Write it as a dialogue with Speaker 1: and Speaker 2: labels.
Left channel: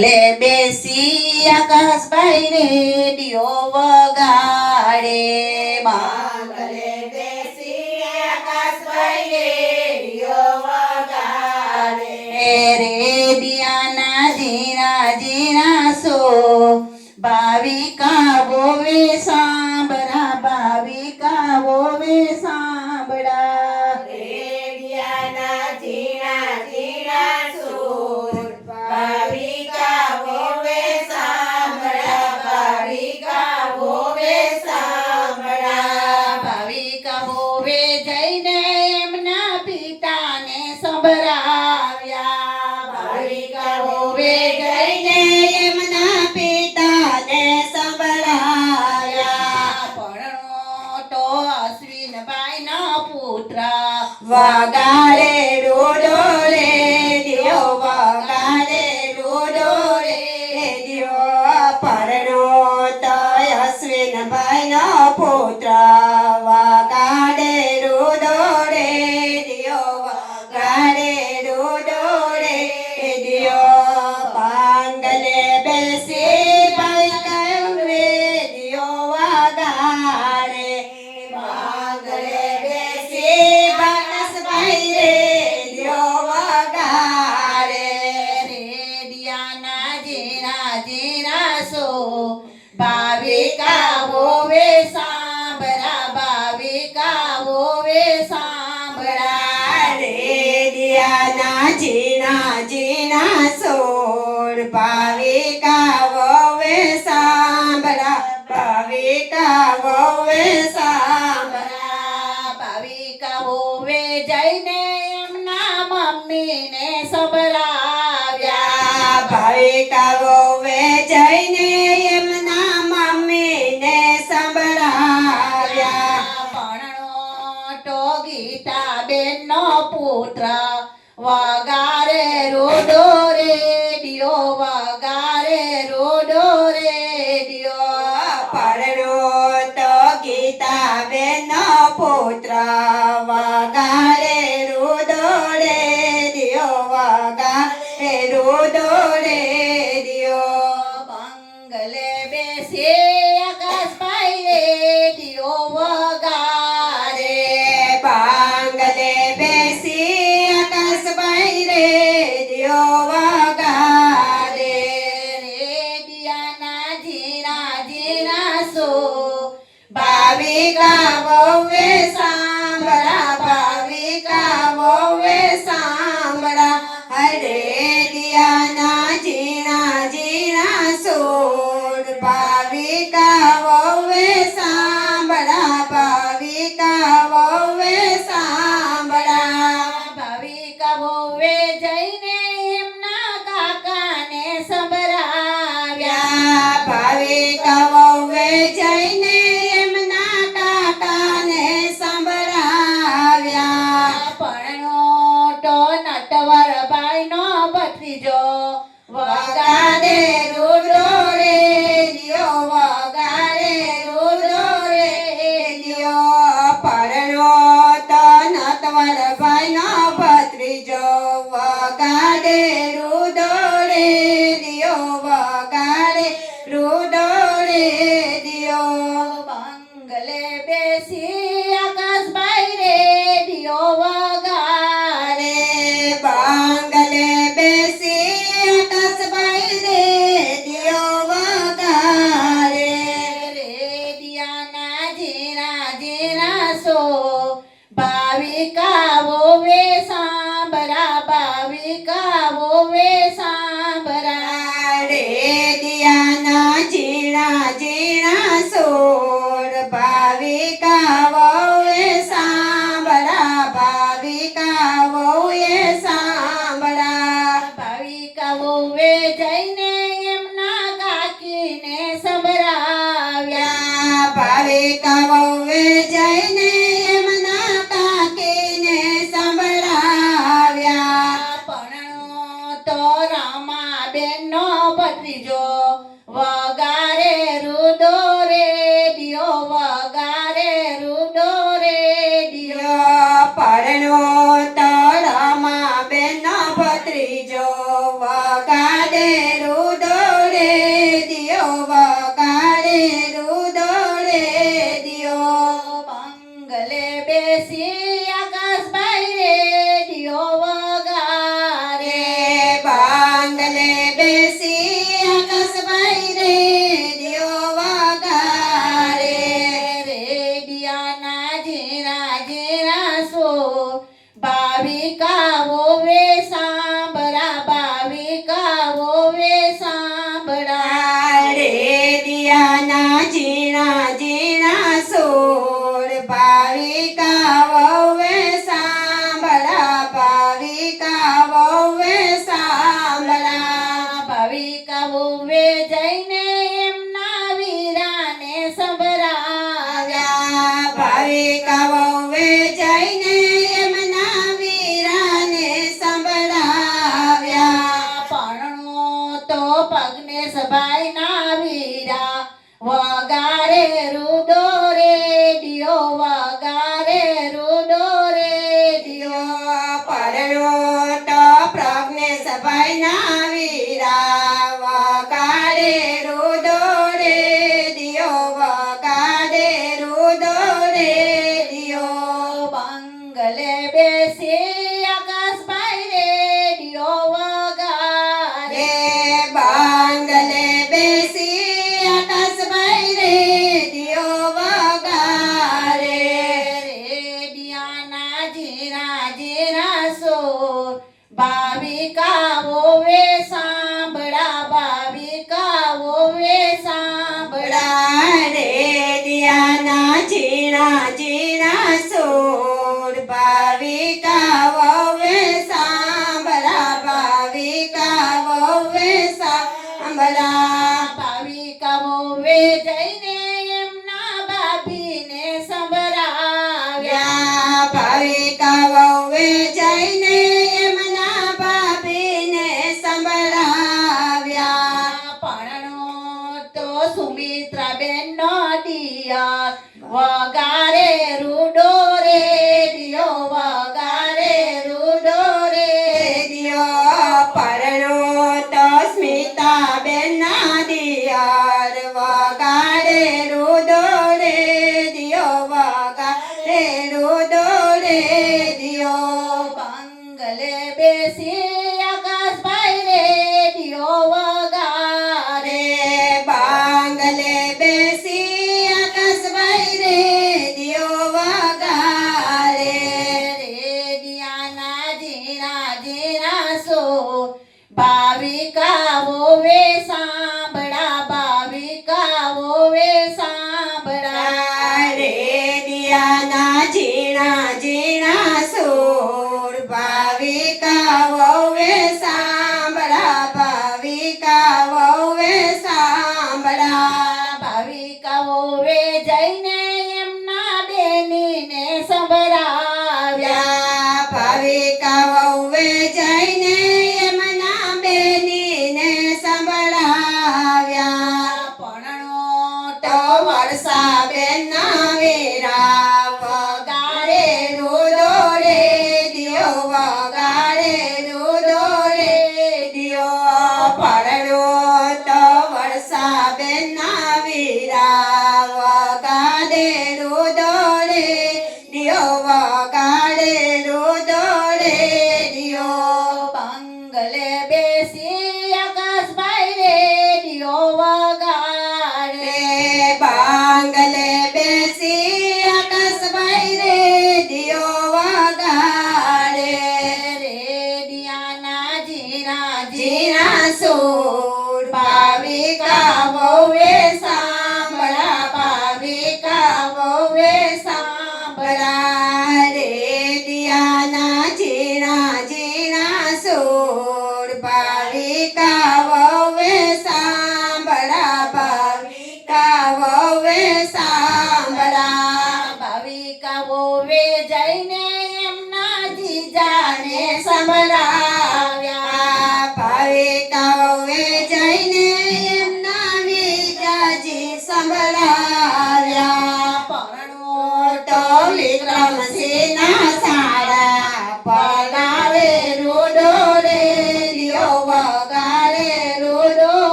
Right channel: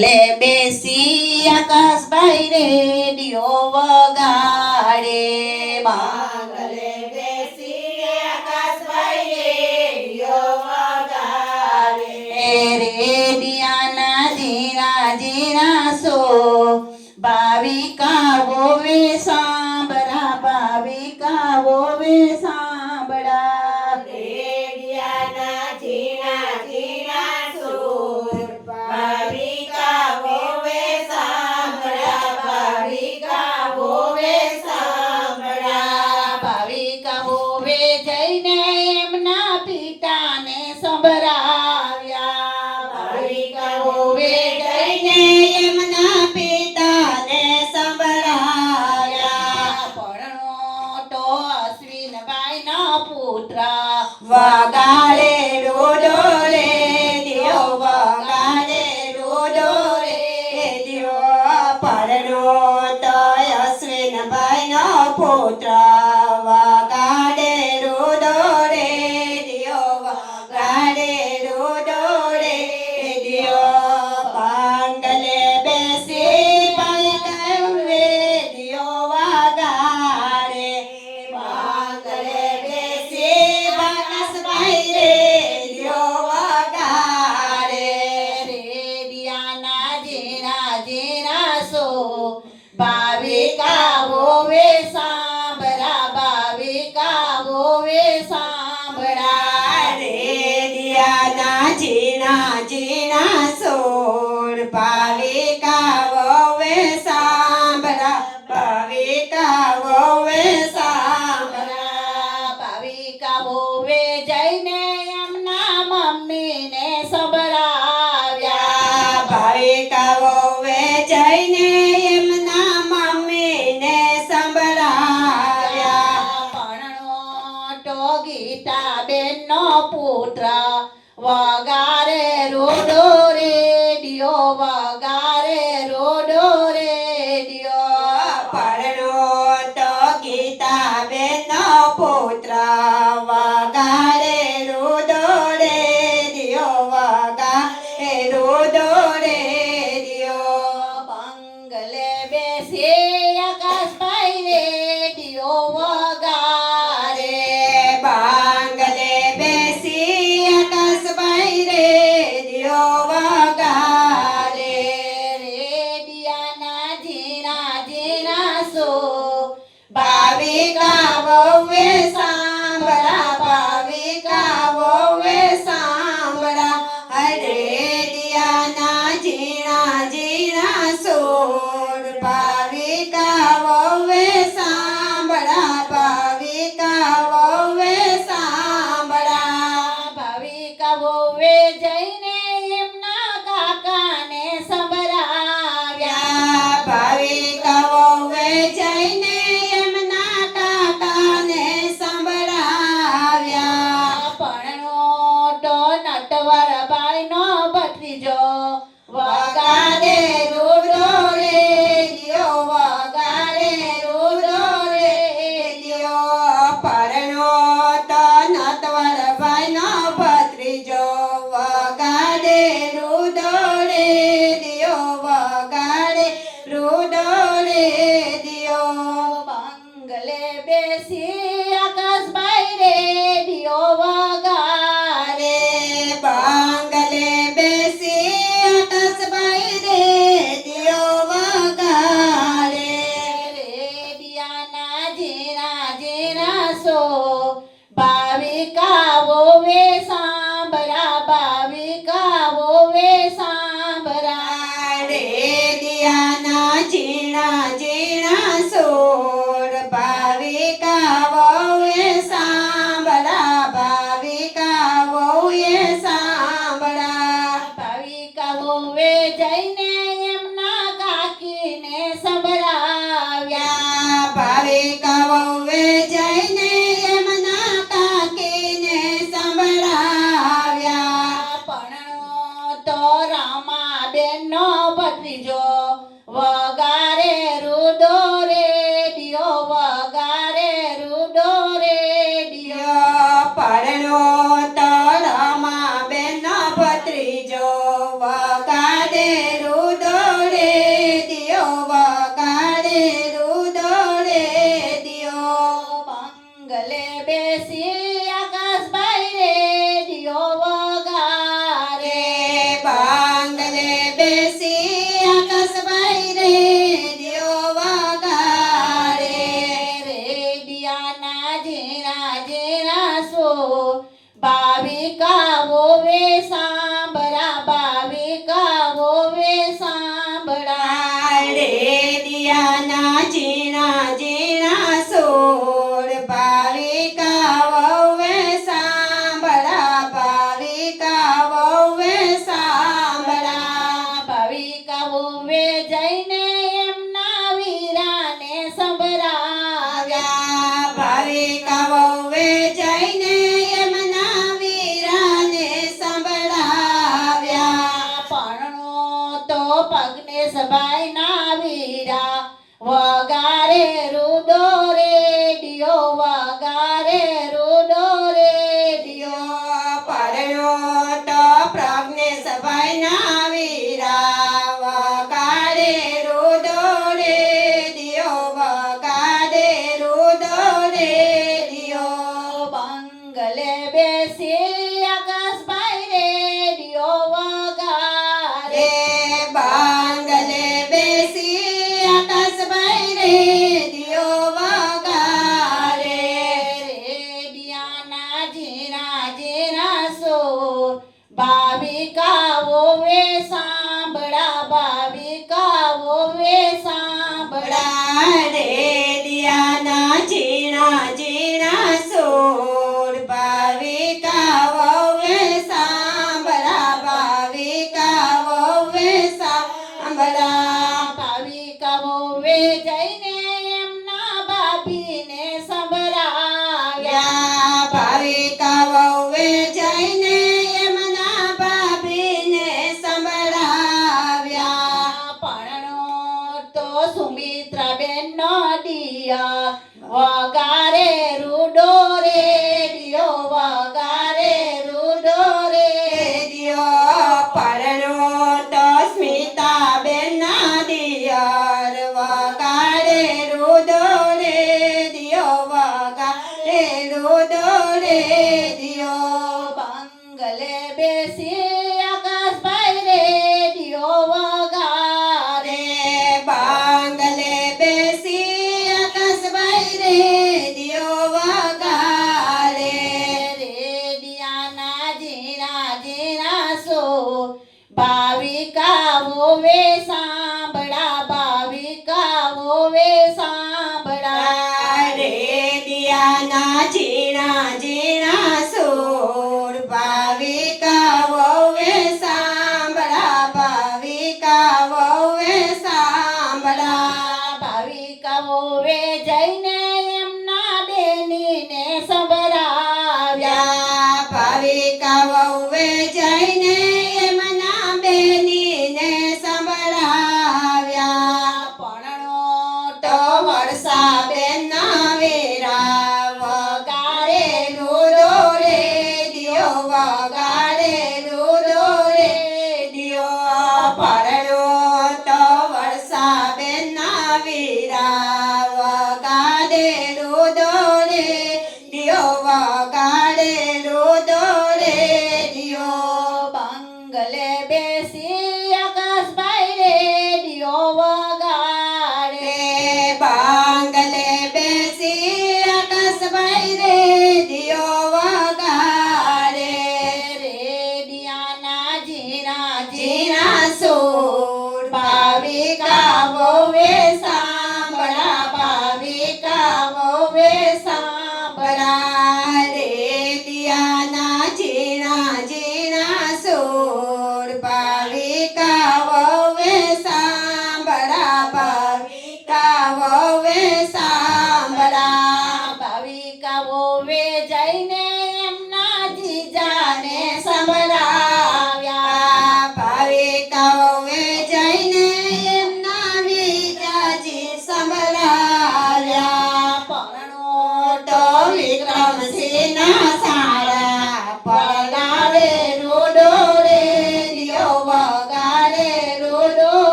Speaker 1: લે બેસી આકાશભાઈ રેડિયો